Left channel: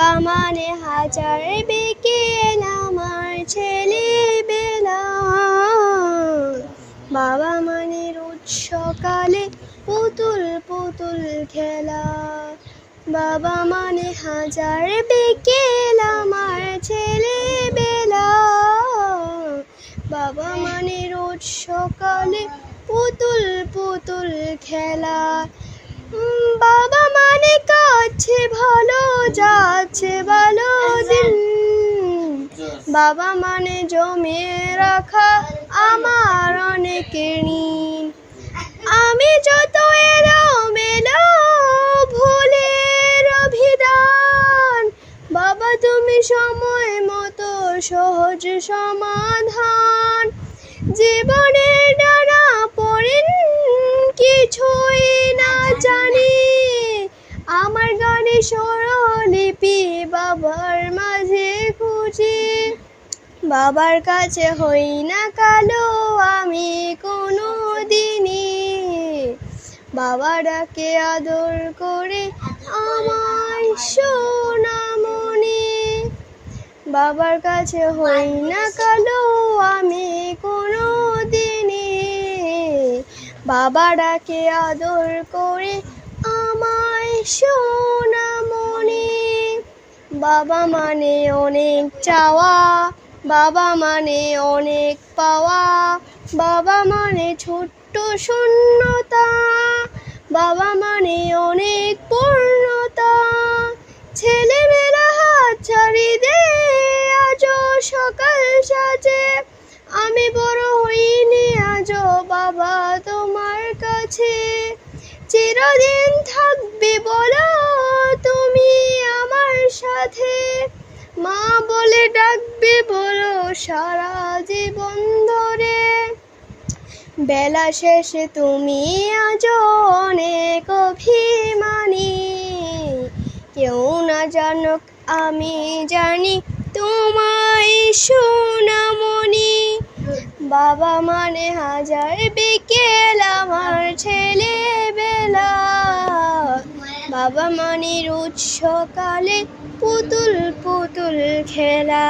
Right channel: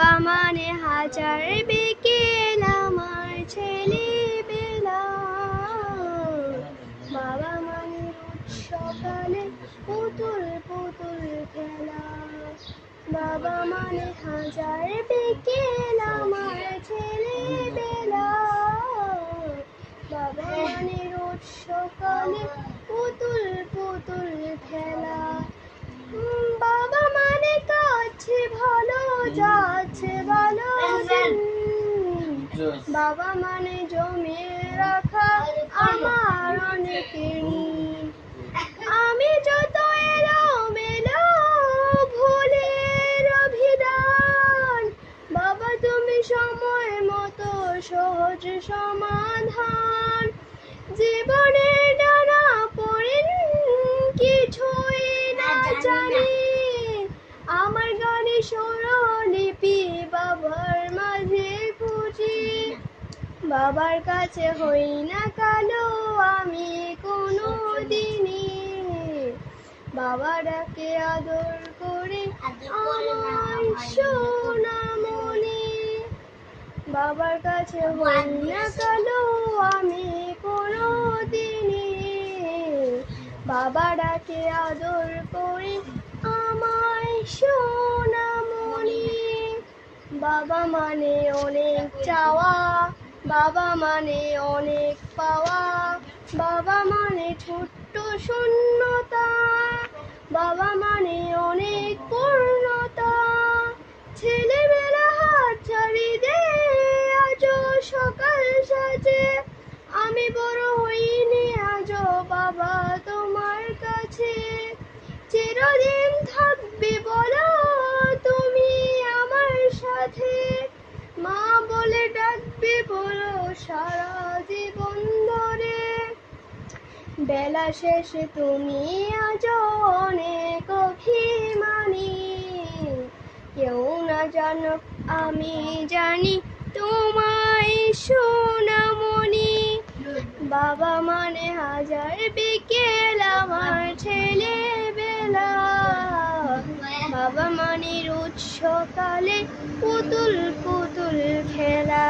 মানে হাজার বিকেল আমার ছেলেবেলা। বাবা মানে রোজ সকালে পুতুল পুতুল খেলা। বাবা মানে হাজার বিকেল আমার ছেলেবেলা। বাবা মানে রোজ সকালে পুতুল পুতুল খেলা। বাবা মানে কাছে ভালো যাচ্ছে ভালো দিন। বাবা মানে জমিয়ে রাখা আমার অনেক ঋণ। আমি যত এলোমেলো ভুলের অভিধান, বাবা তুমি সময় মতো সহজ সমাধান। জীবনের ডানা পড়েন কিছুই না জানি, আমার গানে স্বরলিপি বাবার মাঝে খুঁজি। বাবার কাছে হই না কালো আমি কোনো দিনই, বাবা ডাকে আদর করে আমার সোনামণি। বাবার কাছে হই না কালো আমি কোনো দিনই, বাবা ডাকে আদর করে আমায় সোনামণি। বাবা মানে অনেক চাওয়া, বাবা মানে অনেক পাওয়া। বাবা মানে ছোট্ট শূন্যতা, বাবা মানে অনেক পূর্ণতা। ছেলেমেয়েরা হাত ছাড়ি দে আজও সকাল সাজে, আমি বড় হইনি আজও বাবা তোমার কাছে। চিরদিন থাকবে বলো তুমি আমার সাথে, মা বলে ডাকবে বলো সারা জীবন ধরে। বেলা শেষে তুমি আজও অনেক অভিমানী, কেউ না জানুক আমি জানি তোমায় সোনামণি। বাবা মানে হাজার বিকেল আমার ছেলেবেলা। বাবা মানে রোজ সকালে পুতুল পুতুল খেলা।